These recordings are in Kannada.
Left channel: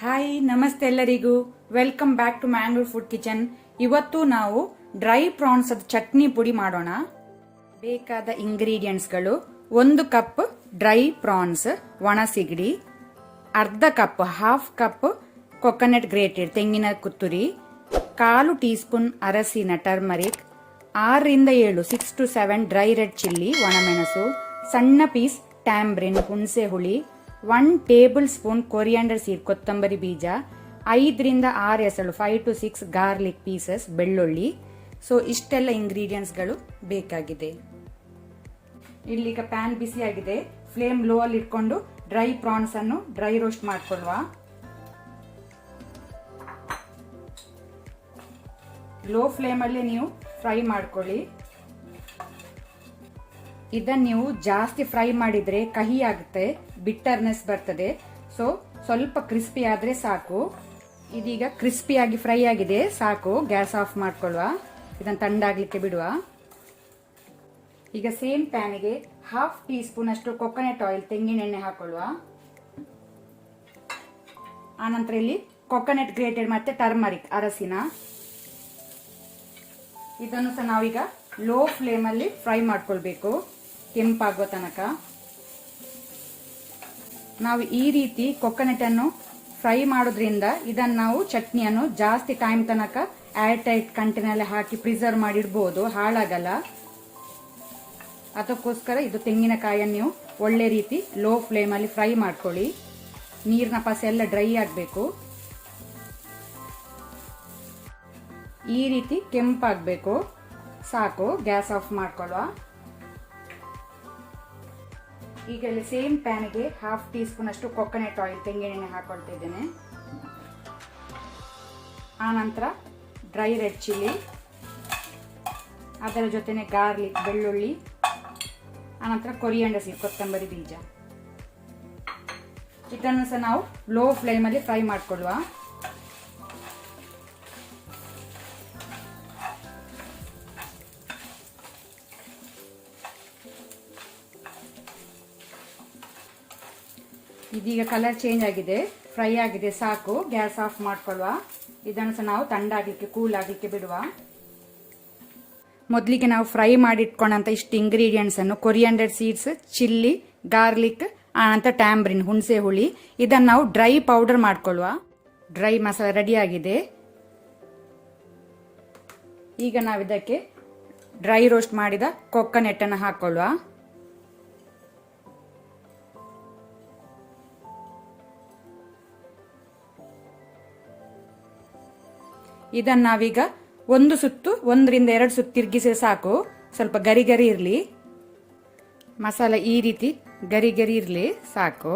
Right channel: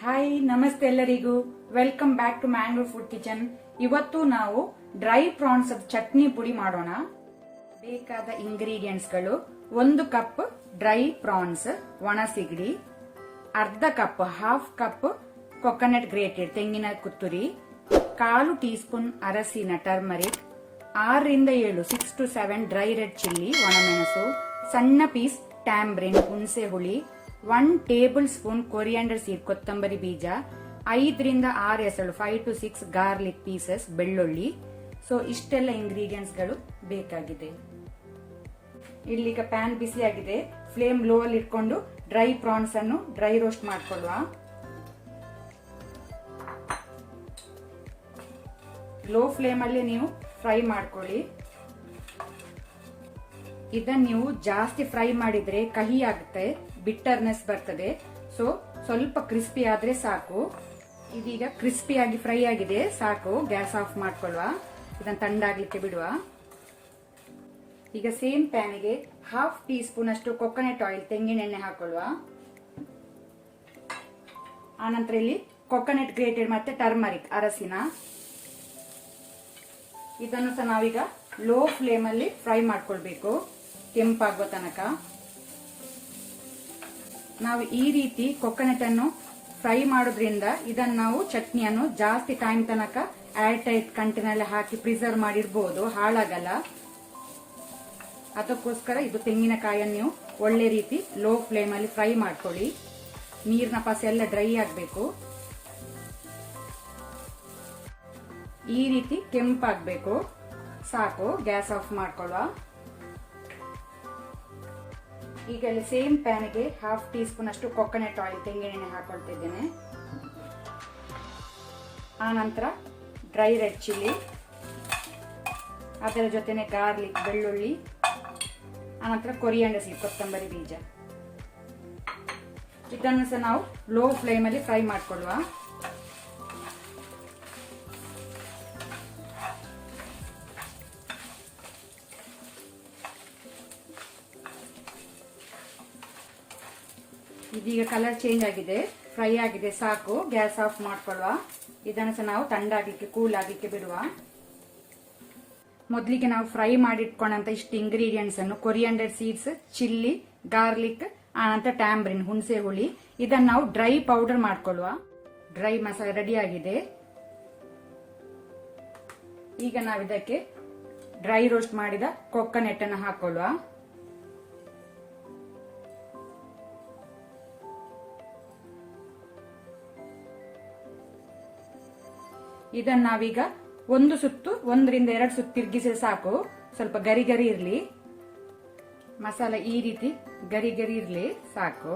ಹಾಯ್ ನಮಸ್ತೆ ಎಲ್ಲರಿಗೂ welcome back to Mangalore food kitchen. ಇವತ್ತು ನಾವು ಡ್ರೈ ಪ್ರಾನ್ಸ್ ಚಟ್ನಿ ಪುಡಿ ಮಾಡೋಣ. ಬೇಕಾದ ಇಂಗ್ರೀಡಿಯೆಂಟ್ಸ್ಗಳು: 1 ಕಪ್ ಡ್ರೈ ಪ್ರಾನ್ಸ್ ಒಣ ಸಿಗಡಿ, ಅರ್ಧ cup half cup coconut grated ತೆಂಗಿನ ತುರಿ, 1/4 ಟೀ ಸ್ಪೂನ್ ಅರಸಿನ turmeric, 6 7 6 to 7 dry red chilli ಒಣಮೆಣಸು, ಸಣ್ಣ ಪೀಸ್ ಟ್ಯಾಂಬ್ರಿನ್ ಹುಣಸೆ ಹುಳಿ, 1 ಟೇಬಲ್ ಸ್ಪೂನ್ ಕೊರಿಯಾಂಡರ್ ಸೀಡ್ ಕೊತ್ತಂಬರಿ ಬೀಜ, 5 6 ಎಸಳು 5 to 6 ಗಾರ್ಲಿಕ್ ಪೀಸಸ್ ಬೆಳ್ಳುಳ್ಳಿ. ಸೊ ಇಷ್ಟೆಲ್ಲ ಇಂಗ್ರೀಡಿಯೆಂಟ್ಸ್ಗಳು ಬೇಕಾಗಿದೆ. ಇಲ್ಲಿಗ ಪ್ಯಾನ್ ಬಿಸಿಯಾಗಿದೆ. ಫ್ಲೇಮ್ ಲೋ ಅಲ್ಲಿ ಇಟ್ಕೊಂಡು ಡ್ರೈ ಪ್ರಾನ್ಸ್ ಅನ್ನು ಡ್ರೈ ರೋಸ್ಟ್ ಮಾಡ್ಕೊಳ್ಳುವ. ಲೋ ಫ್ಲೇಮ್ ಅಲ್ಲಿ ನೀವು ಫ್ರೈ ಮಾಡ್ಕೊಳ್ಳಿ. ಇದನ್ನ ನೀವು ಜಾಸ್ತಿ ಫ್ರೈ ಮಾಡಿದ್ರೆ ಕಹಿ ಆಗುತ್ತೆ, ಬಿಟ್ಟರ್ನೆಸ್ ಬರ್ತದೆ. ಸೊ ಸ್ವಲ್ಪ ಕ್ರಿಸ್ಪಿ ಆದ್ರೆ ಸಾಕು. ಇದೀಗ ಕ್ರಿಸ್ಪಿಯಾಗಿ ಫ್ರೈ ಆಗಿದೆ, ಸಾಕು. ಗ್ಯಾಸ್ ಆಫ್ ಮಾಡ್ಕೊಳ್ಳುವ. ಇದನ್ನು ತಂಡಾಗ್ಲಿಕ್ಕೆ ಬಿಡುವ. ಈಗ ಸೇಮ್ ಪ್ಯಾನಿಗೆ 1/2 ಟೀ ಸ್ಪೂನ್ ಅಷ್ಟು ಕೊಕೊನಟ್ ಆಯಿಲ್ ತೆಂಗಿನ ಎಣ್ಣೆ ಹಾಕೊಳ್ಳುವ. ಆನಂತರ ಇಲ್ಲಿ ಕೊಕೊನಟ್ ಗ್ರೇಟೆಡ್ ಮತ್ತೆ ಟರ್ಮರಿಕ್ ಅರಸಿನ, ಇದನ್ನು ಸಹ ನಾವೀಗ ಲೋ ಫ್ಲೇಮ್ ಅಲ್ಲಿ ಫ್ರೈ ಮಾಡ್ಕೊಳ್ಬೇಕು, ಕೆಂಪಾಗುವ ತನಕ. ನಾವು ಈ ರೀತಿ ಕೊಕೊನಟ್ ಅನ್ನು ಫ್ರೈ ಮಾಡೋದ್ರಿಂದ ಇದನ್ನು ನಾವು ಚಟ್ನಿಯನ್ನು ಜಾಸ್ತಿ ಟೈಮ್ ತನಕ ಏರ್ ಟೈಟ್ ಕಂಟೈನರ್ ಹಾಕಿ ಪ್ರಿಸರ್ವ್ ಮಾಡಿಡ್ಬೋದು, ಹಾಳಾಗಲ್ಲ. ಅದಕ್ಕೋಸ್ಕರ ಇದು ತೆಂಗಿನಕಾಯನ್ನು ನೀವು ಒಳ್ಳೆ ರೀತಿ ಲೋ ಫ್ಲೇಮ್ ಅಲ್ಲಿ ಫ್ರೈ ಮಾಡ್ಕೊಳ್ಳಿ. ನೀರಿನ ಪಸೆ ಎಲ್ಲ ಡ್ರೈ ಆಗಬೇಕು. ಈ ರೀತಿ ಕೆಂಪಾಗಬೇಕು, ಸಾಕು. ಗ್ಯಾಸ್ ಆಫ್ ಮಾಡ್ಕೊಳ್ಳುವ. ಈಗ ಇಲ್ಲಿ ಸೇಮ್ ಪ್ಯಾನ್ಗೆ 1/2 ಟೀ ಸ್ಪೂನ್ ಅಷ್ಟು ಕೊಕೊನಟ್ ಆಯಿಲ್ ತೆಂಗಿನ ಎಣ್ಣೆ ಹಾಕೊಳ್ತಿದ್ದೇನೆ. ಆನಂತರ ಡ್ರೈ ರೆಡ್ ಚಿಲ್ಲಿ, ಅದರ ಜೊತೆನೆ ಗಾರ್ಲಿಕ್ ಬೆಳ್ಳುಳ್ಳಿ, ಆನಂತರ ಕೊರಿಯಾಂಡರ್ ಸೀಡ್ ಕೊತ್ತಂಬರಿ ಬೀಜ. ಇದನ್ನು ಸಹ ನಾವು ಲೋ ಫ್ಲೇಮ್ ಅಲ್ಲಿ ಫ್ರೈ ಮಾಡ್ಕೊಳ್ಳುವ. ಇದೀಗ ಕಲರ್ ಚೇಂಜ್ ಆಗಿದೆ, ಫ್ರೈ ಆಗಿದೆ, ಸಾಕು. ಗ್ಯಾಸ್ ಆಫ್ ಮಾಡ್ಕೊಳ್ಳುವ. ಇದನ್ನು ಸಹ ನಾವು ತಂಡಾಗಲಿಕ್ಕೆ ಕೂಲ್ ಆಗಲಿಕ್ಕೆ ಬಿಡುವ. ಮೊದಲಿಗೆ ನಾವು ಫ್ರೈ ಮಾಡಿಟ್ಕೊಂಡಂತ ಇಷ್ಟು ಇಂಗ್ರೀಡಿಯೆಂಟ್ಸ್ ಅನ್ನು, ಕೊರಿಯಾಂಡರ್ ಸೀಡ್ಸ್, ಚಿಲ್ಲಿ, ಗಾರ್ಲಿಕ್, ಆನಂತರ ಟ್ಯಾಂಬ್ರಿನ್ ಹುಣಸೆ ಹುಳಿ, ಇದನ್ನು ನಾವು ಡ್ರೈ ಪೌಡರ್ ಮಾಡ್ಕೊಳ್ಳುವ. ಡ್ರೈ ಮಸಾಲ ರೆಡಿ ಆಗಿದೆ. ಈಗ ನಾವು ಇದಕ್ಕೆ ಡ್ರೈ ರೋಸ್ಟ್ ಮಾಡಿದ ಕೊಕೊನಟ್ ಅನ್ನು ಹಾಕೊಳ್ಳುವ. ಇದನ್ನ ನಾವೀಗ 1 ಸುತ್ತು 1 ರಿಂದ 2 ಸುತ್ತು ತಿರುಗಿಸಿದ್ರೆ ಸಾಕು. ಸ್ವಲ್ಪ ಗರಿ ಗರಿ ಇರಲಿ, ಮಸಾಲ ಈ ರೀತಿ ಗರಿ ಗರಿ ಇರಲಿ, ಸಾಕು.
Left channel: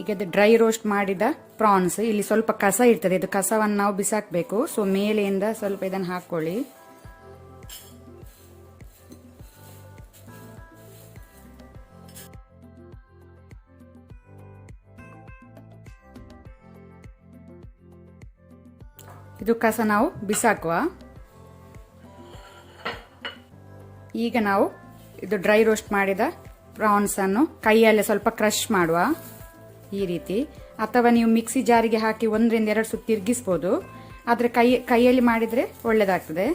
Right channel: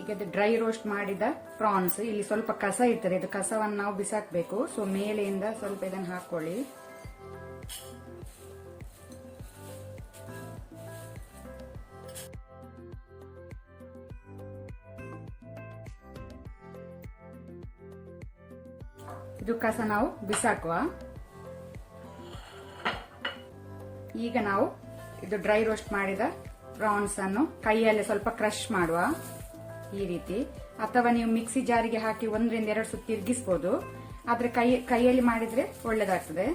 ಈಗ ಇದು ಡ್ರೈ ರೋಸ್ಟ್ ಮಾಡಿದ ಪ್ರಾನ್ಸ್, ಇಲ್ಲಿ ಸ್ವಲ್ಪ ಕಸ ಇರ್ತದೆ, ಇದು ಕಸವನ್ನು ನಾವು ಬಿಸಾಕಬೇಕು. ಸೊ ಮೇಲೆಯಿಂದ ಸ್ವಲ್ಪ ಇದನ್ನು ಹಾಕೊಳ್ಳಿ. ಇದು ಕಸ ನಾವು ಬಿಸಾಕುವ. ಈಗ ನಾವು ಇದು ಡ್ರೈ ರೋಸ್ಟ್ ಮಾಡಿದ ಪ್ರಾನ್ಸ್ ಅನ್ನು ಕೈಯಲ್ಲೇ ಸ್ವಲ್ಪ ಕ್ರಶ್ ಮಾಡುವ, ಈ ರೀತಿ. ಅಥವಾ ನೀವು ಮಿಕ್ಸಿ ಜಾರಿಗೆ ಹಾಕಿ 1 ರಿಂದ 2 ಸುತ್ತು ತಿರುಗಿಸ್ಬೋದು, ಆದರೆ ಕೈಯಲ್ಲಿ ಮಾಡಿದರೆ ಒಳ್ಳೆಯದಾಗ್ತದೆ.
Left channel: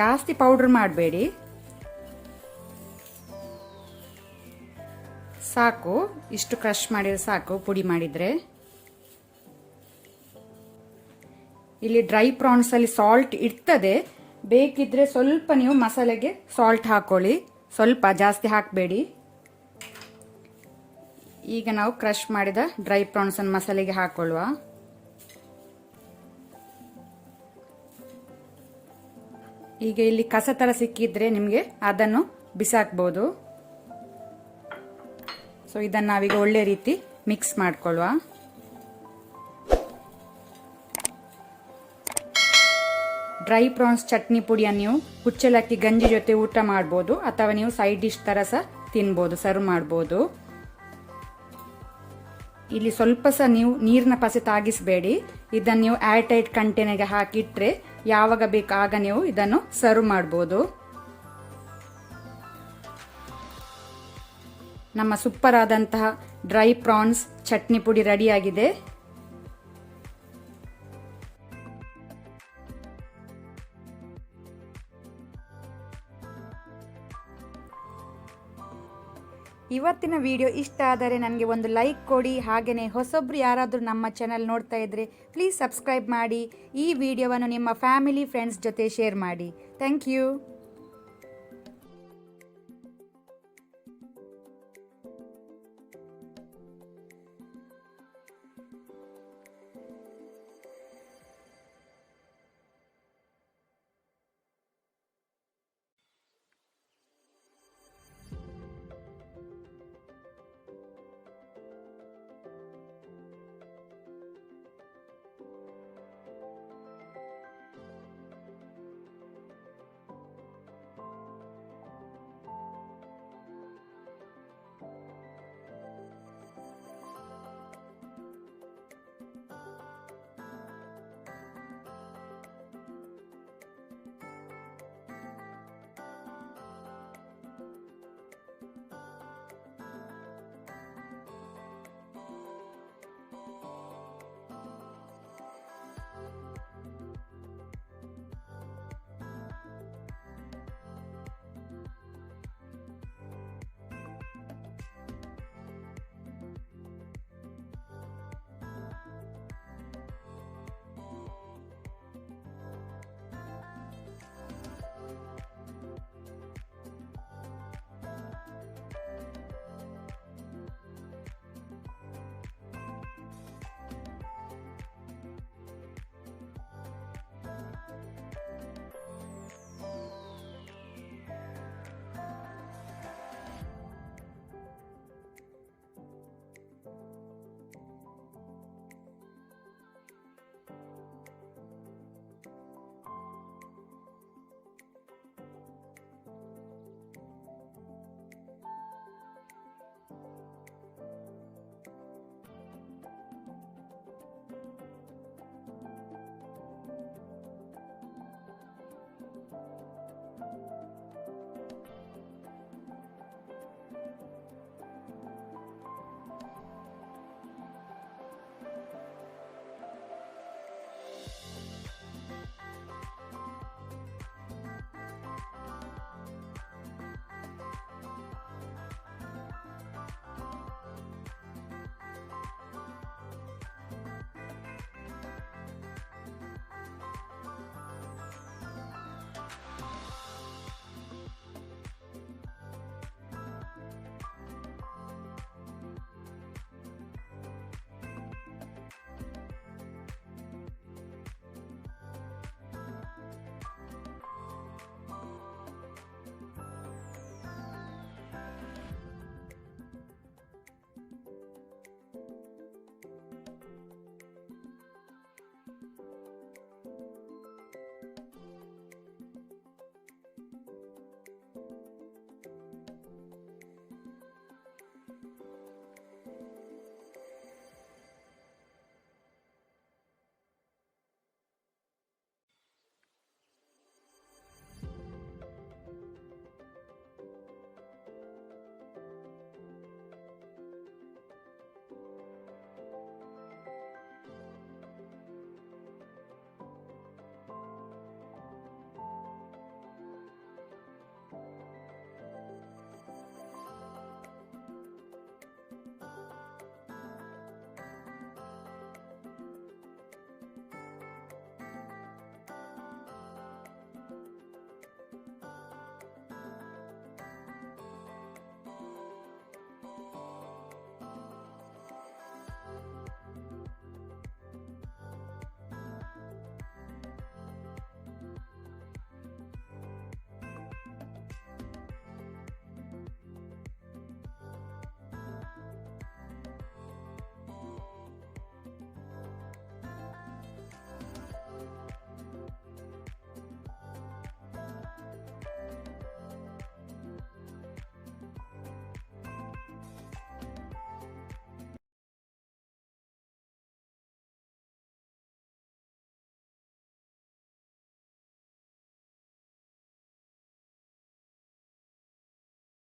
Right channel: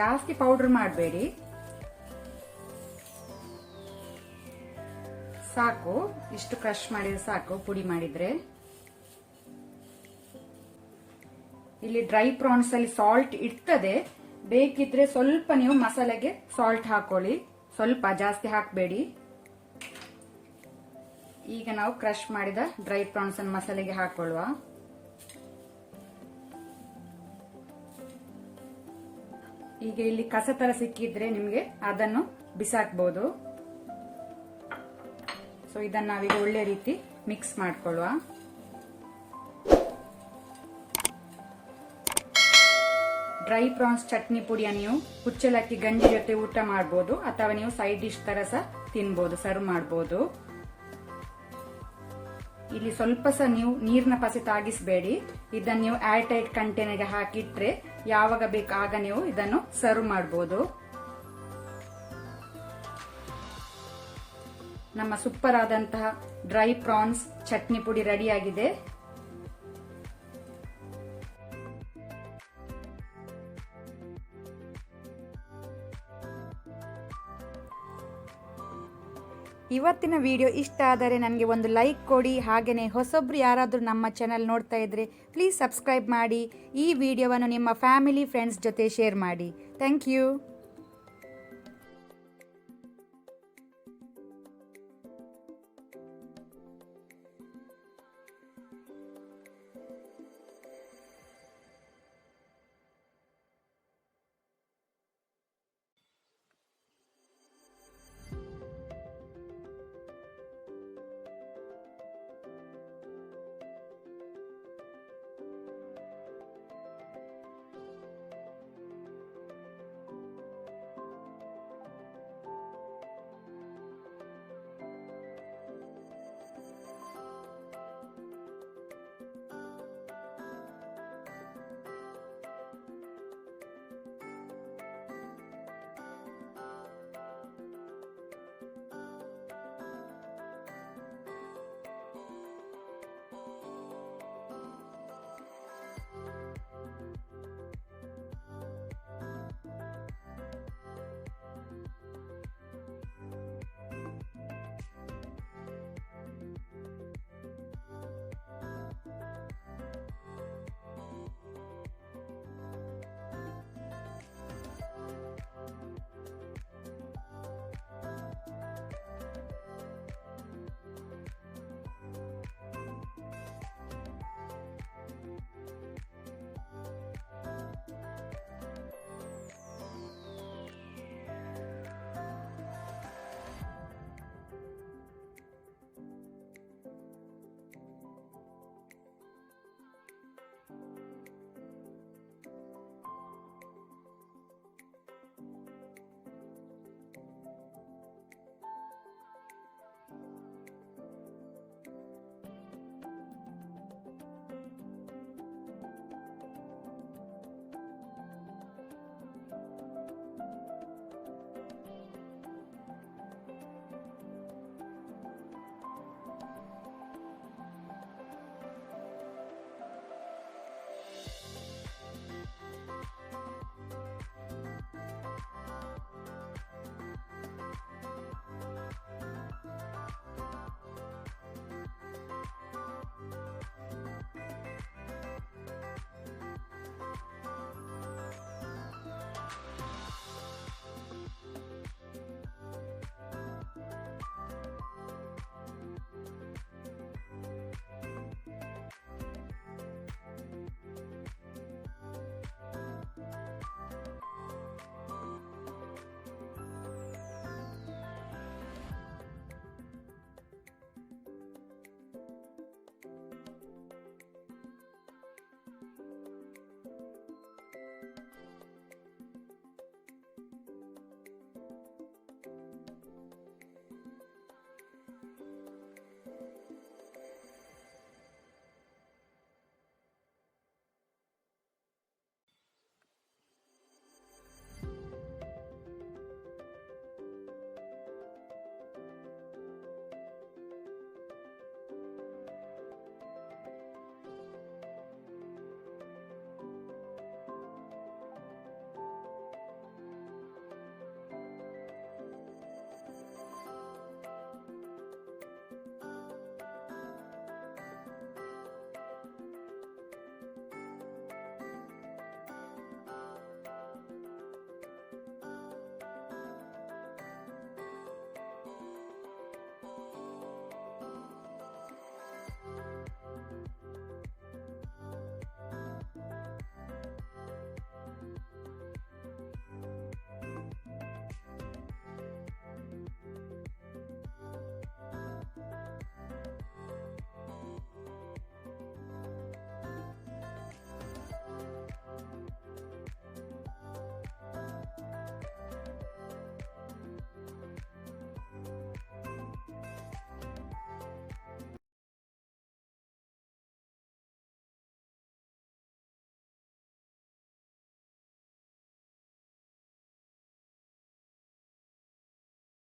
ಜಾಸ್ತಿ ಪೌಡರ್ ಮಾಡಬೇಡಿ, ಸಾಕು. ಇಷ್ಟು ಕ್ರಶ್ ಮಾಡಿದ್ರೆ ಸಾಕು, ಪುಡಿ ಮಾಡಿದರೆ. ಇಲ್ಲಿ ಡ್ರೈ ಪ್ರಾನ್ಸ್ ಅಲ್ಲಿ ಸಾಲ್ಟ್ ಇರ್ತದೆ, ಬೇಕಿದ್ರೆ ಸ್ವಲ್ಪ ನೀವು ಮಸಾಲೆಗೆ ಸಾಲ್ಟ್ ಹಾಕೊಳ್ಳಿ, ಸ್ವಲ್ಪ, ಜಾಸ್ತಿ ಹಾಕಬೇಡಿ. ಈಗ ನಾವು ಕ್ರಶ್ ಮಾಡಿದ ಡ್ರೈ ಪ್ರಾನ್ಸ್ ಅನ್ನು ಮಸಾಲೆಗೆ ಹಾಕೊಳ್ಳುವ. ಈಗ ಇಲ್ಲಿ ಕಸ ತರ ಸಿಕ್ಕಿದ್ರೆ ನಿಮಗೆ ಅದನ್ನು ಬಿಸಾಕ್ಬಹುದು. ಸೊ ಇದನ್ನು ನಾವೀಗ ಒಳ್ಳೆ ರೀತಿ ಮಿಕ್ಸ್ ಮಾಡ್ಕೊಳ್ಳುವ. ಡ್ರೈ ಪ್ರಾನ್ಸ್ ಚಟ್ನಿ ಪುಡಿಯನ್ನು ನೀವು ಕುಚ್ಚಲಕ್ಕಿ ಗಂಜಿ ಜೊತೆ ಊಟ ಮಾಡಬಹುದು, ಅಥವಾ ನೀವು ಸೈಡ್ ಡಿಶ್ ತರ ಸಹ ತಿನ್ಬಹುದು, ಸರ್ವ್ ಮಾಡಬಹುದು. ಇಲ್ಲಿ ಸ್ವಲ್ಪ ಸಹ ನೀವು ನೀರಿನ ಪಸೆ ತಾಗಿಸಬೇಡಿ. ಇದನ್ನು ನೀವು ಏರ್ ಟೈಟ್ ಕಂಟೈನರ್ಗೆ ಹಾಕಿಟ್ರೆ ಯಾವಾಗ ಬೇಕು ಆಗ ನೀವು ಇದನ್ನು ಸರ್ವ್ ಮಾಡಬಹುದು. ನಮ್ಮ ಸೂಪರ್ ಆದಂತಹ ಡ್ರೈ ಪ್ರಾನ್ಸ್ ಚಟ್ನಿ ಪುಡಿ ರೆಡಿಯಾಗಿದೆ. ಇವತ್ತಿನ ವಿಡಿಯೋ ಇಷ್ಟ ಆದರೆ ನನಗೆ ಒಂದು ಲೈಕ್ ಕೊಡಿ. ಹಾಗೆಯೇ ಹೊಸೊಬ್ರು ಯಾರಾದರೂ ನಮ್ಮ ಚಾನಲ್ ನೋಡ್ತಾ ಇದ್ದರೆ ಪ್ಲೀಸ್ ಸಬ್ಸ್ಕ್ರೈಬ್ ಮಾಡಿ. ಈ ವಿಡಿಯೋವನ್ನು ನಿಮ್ಮ ಫ್ಯಾಮಿಲಿ ಫ್ರೆಂಡ್ಸ್ ಜೊತೆ ಶೇರ್ ಮಾಡಿ. Thank you.